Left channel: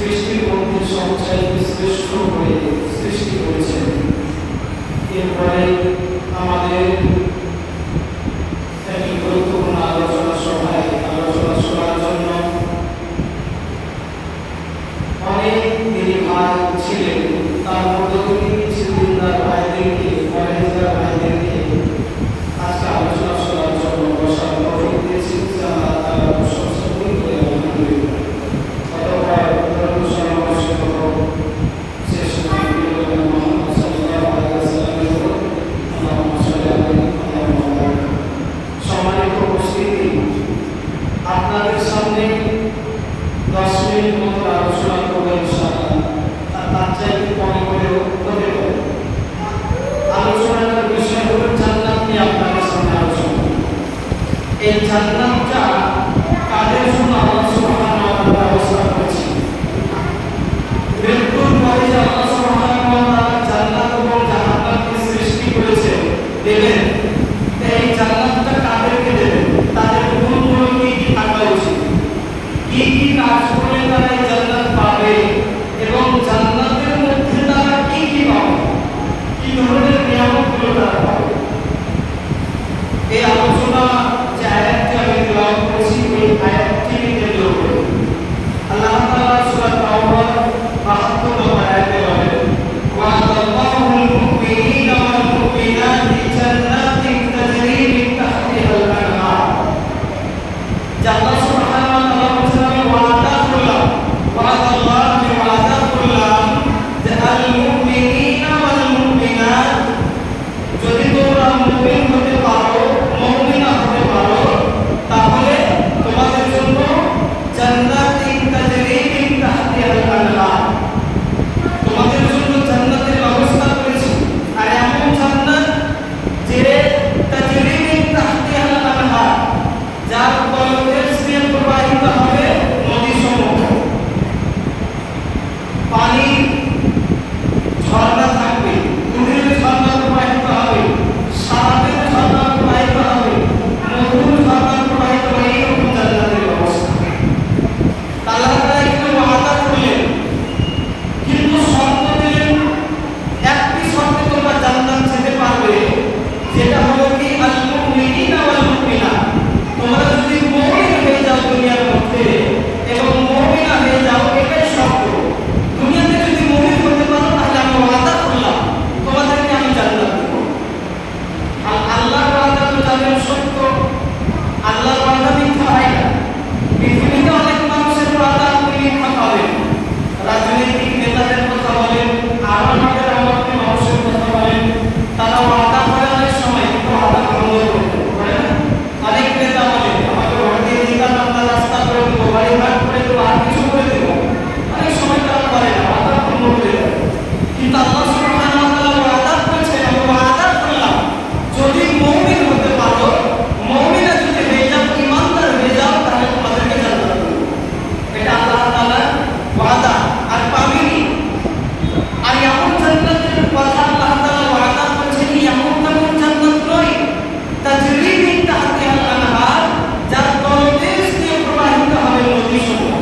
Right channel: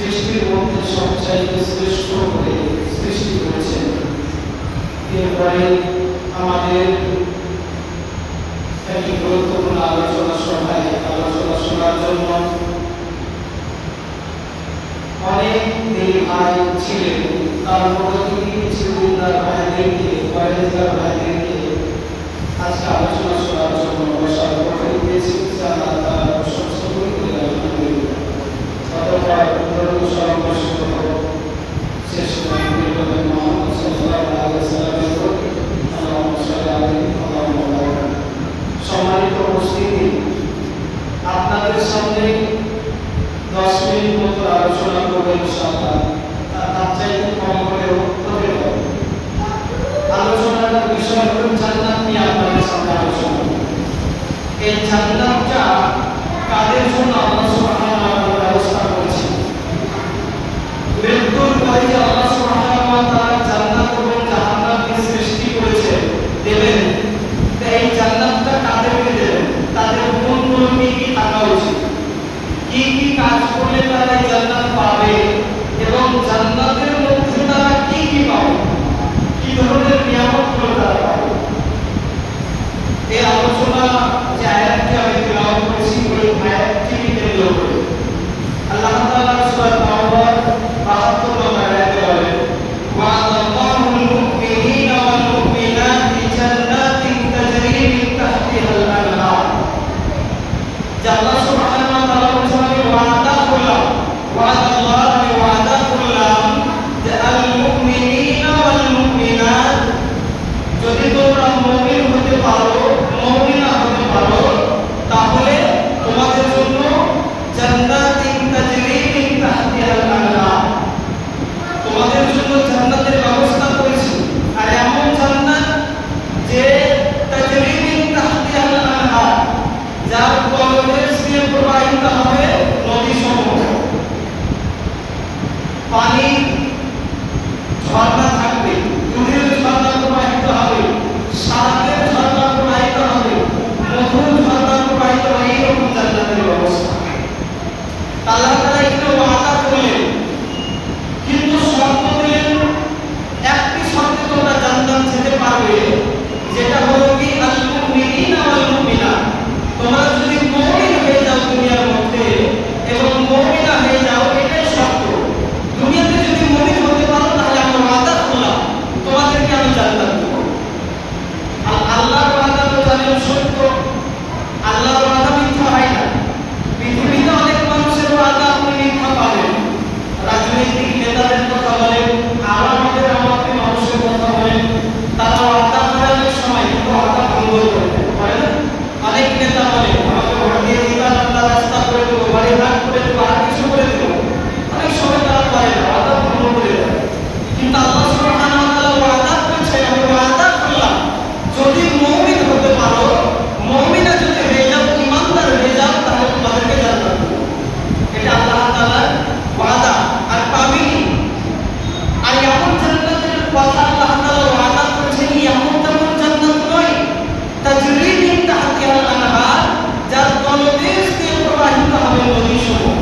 সৃষ্টির মধ্যে সবচাইতে শ্রেষ্ঠ করে সৃষ্টি করেছেন। এরপরে আমাদের একটি গুরুত্বপূর্ণ আলোচনা সভায় আলোচনা শোনার জন্য অনেক দিনী ভাই ছিলেন। তার মধ্যে থেকে কিছু দিনদার ভাইদেরকে পরেজগার ভাইদেরকে আজকে আলোচনা শোনার জন্য বসার তৌফিক দিয়েছি। আমরা তার প্রশংসা করি বলে আমি মনে করি। অতঃপর ধর্ম সর্বশ্রেষ্ঠ শেষ নবী মুহাম্মদ সাল্লাল্লাহু আলাইহি ওয়াসাল্লামের উপর আল্লাহুম্মা সাল্লি আলাইহি আল্লাহুম্মা বারিক। সম্মানিত উপস্থিতি, আপনাদের সামনে 10 মিনিট মতো আলোচনা করবেন ইনশাআল্লাহ। তার চাইতে কম করেও হতে পারে। আলোচনার বিষয় হলো জান্নাত নিয়ে আপনাদের সামনে আলোচনা। এই জান্নাতটা কাদের জন্য আল্লাহ সুবহানাহু ওয়া তাআলা ব্যবস্থা করেছেন? মৃত্যুর পরে আল্লাহ সুবহানাহু ওয়া তাআলা জান্নাত এবং জাহান্নামকে সৃষ্টি করেছেন দেবেন। এই জান্নাতটা কাদেরকে দেবেন? তাদের গুণগুলো কি থাকা উচিত, কি কি কাজ করলে তারা এই জান্নাত পাবে এবং জান্নাতের মধ্যে তারা কি কি পাবে, কি ধরনের নিয়ামতগুলো তারা পাবে। এই আলোচনা যে আয়াতটি আমি তেলাওয়াত করেছি ওই আয়াতটি কেন্দ্র করে আল্লাহ তাআলা সূরা তাওবা 72 নম্বর আয়াতে বলেন, ওয়া'দাল্লাহুল মুমিনিনা ওয়াল মুমিনাতি জান্নাতিন তাজরি মিন তাহতিহাল আনহার। আল্লাহ সুবহানাহু ওয়া তাআলা বলেন, আমি ওয়াদা করলাম, ওয়াদাল্লাহ আমি ওয়াদা করলাম যে আল মুমিনিনা ওয়াল মুমিনাত, যদি তোমরা মুমিন হতে পারো, মুমিনা হতে পারো, তাহলে তোমাদের জন্য জান্নাতিন তাজরি মিন তাহতিহাল আনহার, তোমাদের জন্য জান্নাতের ব্যবস্থা করেছি। আর এমন জান্নাত যে তাজরি মিন তাহতিহাল আনহার, যার তলদেশ দিয়ে প্রবাহিত হবে নদীসমূহ, পানি ঝর্ণা থাকবে, দুধের ঝর্ণা প্রবাহিত হবে, সারাতের ঝর্ণা প্রবাহিত হবে, মধুর ঝর্ণা প্রবাহিত হবে। এইরকম জান্নাতের ব্যবস্থা আল্লাহ তাআলা একটু ওয়াদা করলেন, কিন্তু শর্ত দিলেন, একটি শর্তে তোমরা জান্নাত যেতে পারবে, যেটা হলো কি আল মুমিনিনা ওয়াল মুমিনাত, তোমরা যদি মুমিন হয়ে যাও দুনিয়ার মধ্যে এবং মুমিনা হয়ে যাও, এটাই শর্ত। দুনিয়াতে যদি মুমিন হতে পারো তাহলে আমি ওয়াদা করলাম তোমাদেরকে আমি জান্নাত দেব। আর আল্লাহর ওয়াদা তো জানেন সত্য, আল্লাহর ওয়াদা মিথ্যা হয় না। পৃথিবীতে অনেক মানুষের ওয়াদা আপনি মিথ্যা পাবেন, রাজনৈতিক নেতাদের কথা বলেন, আরামাদের আমাদের মানুষের কথা বলেন, তারা ওয়াদা করে অনেক সময় কিন্তু ওয়াদা ভঙ্গ হয় না। অনেক নেতা বলে আমাকে ভোট দিয়ে দিবেন, আমরা রাস্তা করে দেবো, বাড়িঘাট করে দেবো, আর কিছু করে দেবো। অনেক সময় তারা করে না, ওয়াদা ভঙ্গ করে দেয়। কিন্তু আল্লাহ সুবহানাহু ওয়া তাআলা ওয়াদা করেছেন, আমি ওয়াদা করলাম যদি মুমিন হতে পারো, মুমিনা যদি হয়ে যাও, ইমানদার হয়ে যাও, তাহলে তোমাদেরকে জান্নাত দেব। এটা আল্লাহ তাআলার ওয়াদা। আর পাবেনি। আর এমন জান্নাতের কথা আল্লাহ তাআলা ওয়াদা করেছেন, এমন তেমন জান্নাত নয়, তাজরি মিন তাহতিহাল আনহার, যার তলদেশ দিয়ে প্রবাহিত হবে নদীসমূহ।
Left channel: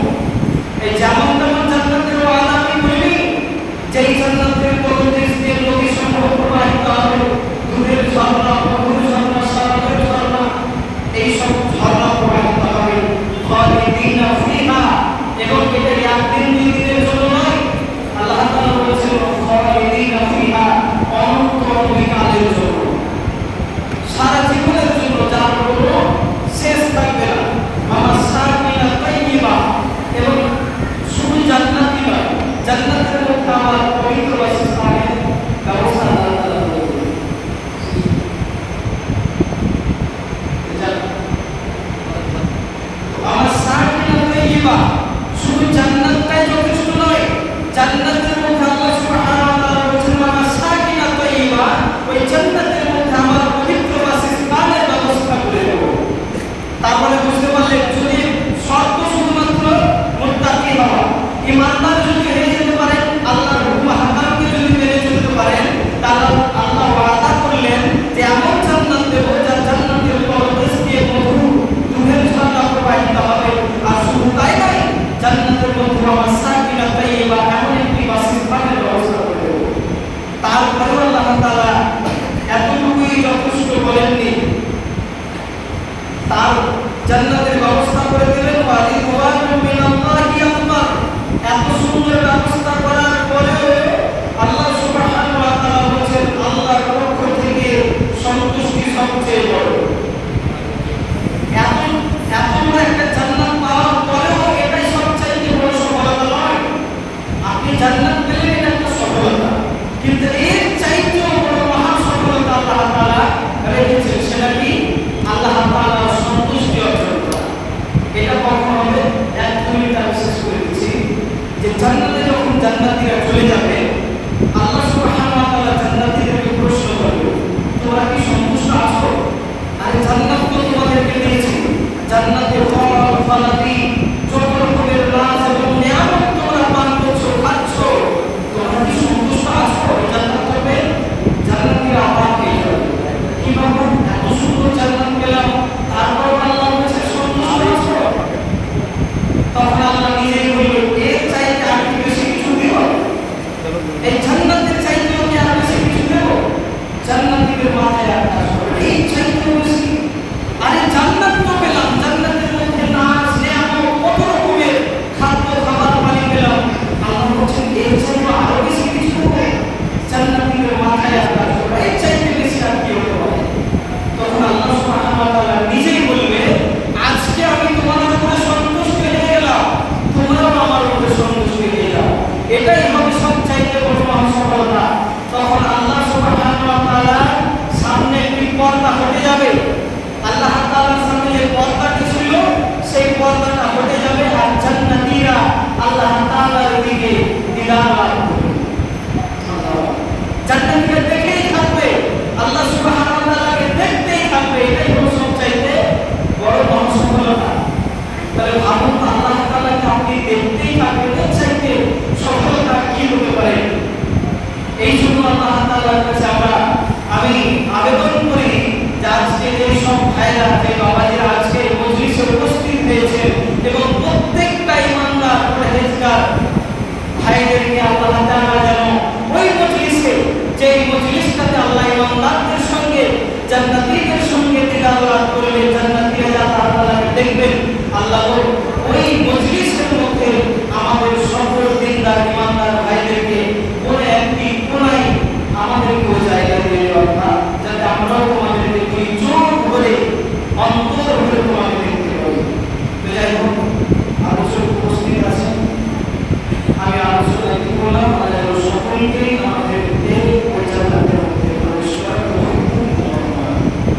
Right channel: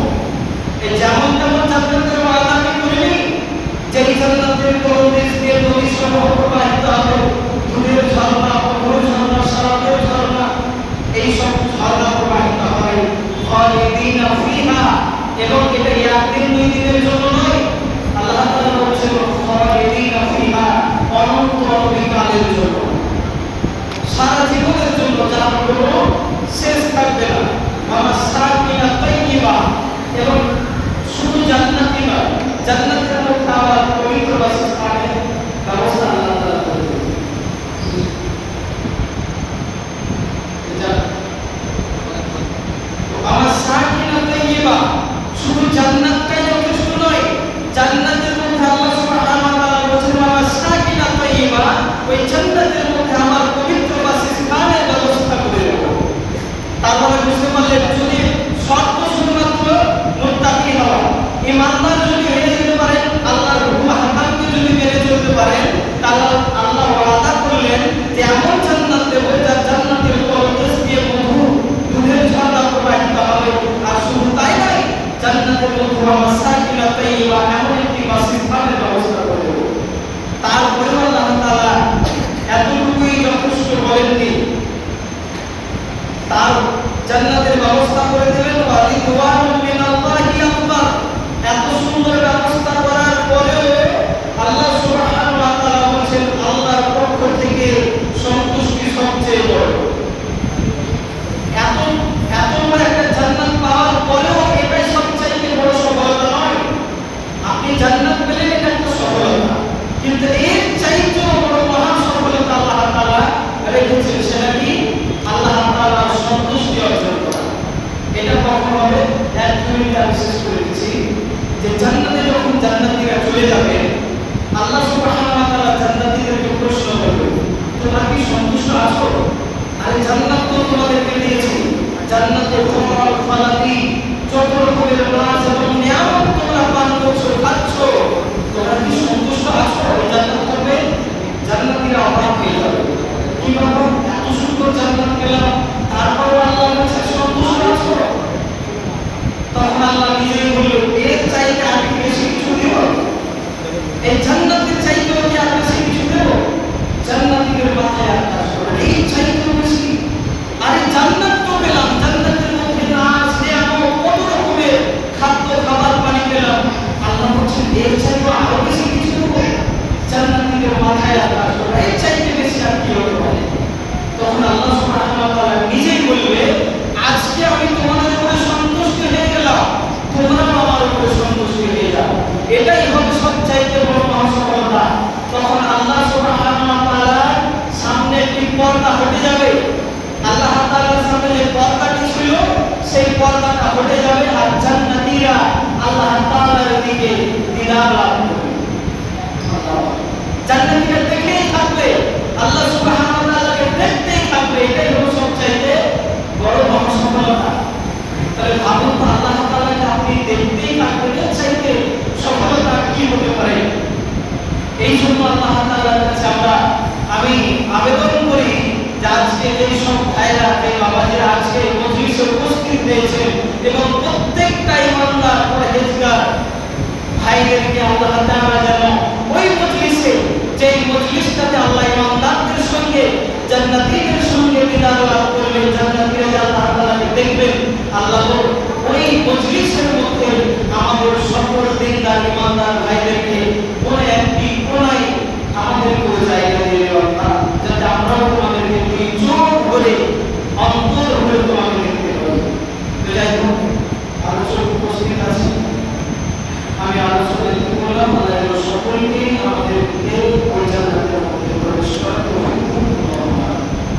এই যেমন তেমন জান্নাতের ওয়াদা আমি করিনি, যেই জান্নাতের তলদেশ দিয়ে নদীসমূহ প্রবাহিত হবে, দুধের ঝর্ণা, মধুর ঝর্ণা, সারাতের ঝর্ণা, এই সব ঝর্ণা প্রবাহিত হবে খালিদিনা ফিহা, এবং এটা একদিন দুই দিনের জন্য জান্নাতের মধ্যে আমার পবিত্র বাসস্থানের ব্যবস্থা আল্লাহ তাআলা করে দেবেন। আমার সাকিনা তাইয়্যিবা, শুধু জান্নাতটাই যথেষ্ট নয়, জান্নাতের মধ্যে আল্লাহ সুবহানাহু ওয়া তাআলা বলেছেন আমার সাকিনা তাইয়্যিবা, ওই জান্নাতের মধ্যে আমার পবিত্র বাসস্থানের ব্যবস্থা করে দেব। তারপরে বুঝতে পারলেন যদি শর্ত শুধুমাত্র মুত্তাকি হওয়া, ইমানদার যদি হয়ে যেতে পারেন, আল্লাহর হুকুম হাকামকে যদি মেনে চলতে পারেন, তাহলে আল্লাহ ওয়াদা করলেন যে এমন জান্নাত দেব যার জান্নাতের তলদেশ দিয়ে মধু দুধের ঝর্ণা প্রবাহিত হবে। আর শুধু তাই নয়, জান্নাতের মধ্যে আমার সাকিনা তাইয়্যিবা এমন একটি বাসস্থানের ব্যবস্থা করে দেব। তারপরেও আল্লাহ তাআলা এতটুকুই যথেষ্ট বলেননি, তার জান্নাতের ব্যবস্থা করে দিলেন ওয়া রিদওয়ানুম মিনাল্লাহি আকবার। এত সুন্দর ব্যবস্থা করার পরেও আল্লাহ সুবহানাহু ওয়া তাআলা বলেন আল্লাহর পক্ষ থেকে সন্তুষ্টি সবচেয়ে বড়। এত বড় একটা জান্নাত পাওয়ার পরেও এটাই সবচেয়ে বড় সফলতা নয়। আপনি জান্নাত পেলেন, এটা একটা সফলতা, কিন্তু এর চাইতেও বড় মহান সফলতা আল্লাহ তাআলা রেখেছেন। সেটা কি? আল্লাহ তাআলার সন্তুষ্টি অর্জন করা। এটা কখন হবে? এক মিনিট আমি শেষ করে দিচ্ছি যে জান্নাতে যখন জান্নাতীরা চলে যাবে, আল্লাহ সুবহানাহু ওয়া তাআলা জান্নাতীদেরকে প্রশ্ন করবে, তোমরা কি সন্তুষ্ট আছো? আরে জান্নাত তো তোমাদেরকে দিয়েছি, জান্নাতে ফল ফলাদি যত রকমের নাজ এবং নিয়ামত তোমরা পান করছো, খাচ্ছ, তোমরা কি সন্তুষ্ট আছো? জান্নাত হবে, জান্নাতীরা অবাক হয়ে যাবে, কি বলবো এত সুন্দর জান্নাত পেলাম, তারপর আল্লাহ বলেছে সন্তুষ্ট আছো? তখন আল্লাহ নিজেই বললেন এর চাইতে আর কি বেশি কিছু দিব? এই জান্নাতের চাইতেও কি আর বেশি কিছু দেব? জান্নাতীদের মাথায় আর কাজ করবে এই চাইতেও বেশি। আরে জান্নাত তো পেলাম, জান্নাতের মধ্যে নাজ নিয়ামত কত রকমের খাদ্য খাবার পানি পেলাম, আল্লাহ বলছেন এর চাইতেও আরো বেশি কিছু দেব? জান্নাতীদের মাথায় আর কাজ করবে এই চাইতে বেশি আর কি হতে পারে? তখন আল্লাহ সুবহানাহু ওয়া তাআলা নিজেই বলবে আজকে আমি তোমাদের উপরে সন্তুষ্ট হয়ে গেলাম, তোমরাও আমার উপরে সন্তুষ্ট হয়ে যাও, এটাই হবে সবচাইতে বড় মহাসফলতা। তখন আল্লাহ সুবহানাহু ওয়া তাআলার সামনে একটি পর্দা হটে যাবে, আল্লাহ তাআলার সামনে যে পর্দাটি ছিল সেই পর্দাটা হটে যাবে, আর জান্নাতীরা আল্লাহ তাআলার দিকে দিদার লাভ করবে। জান্নাতীরা দেখেই থাকবে, আল্লাহ সুবহানাহু ওয়া তাআলাকে দেখতেই থাকবে, এটাই হলো সবচাইতে বড় মহাসফলতা। তাহলে ভাবুন আল্লাহ তাআলাকে আপনি দেখতেই থাকবেন, এর চাইতে সফলতা কি হতে পারে? এই জন্য আল্লাহ তাআলার কাছে আমি আবেদন করি যে আজকে এই সব ভাইরা যে বাবাজিরা আজকে মজলিসে উপস্থিত হয়েছে এবং প্রত্যেকটা ইমানদার পরহেজগার ভাইদেরকে আল্লাহ তাআলা যেন ওই মজলিসে, যে মজলিসটাতে আল্লাহ ইমানদারদের সঙ্গে জান্নাতীদের সঙ্গে দিদার লাভ করবে, জান্নাতীরা যে আল্লাহ তাআলাকে দেখবেন, আল্লাহ ওই মজলিসের মধ্যে আমাদের সকল দিনদার ইমানদার ভাই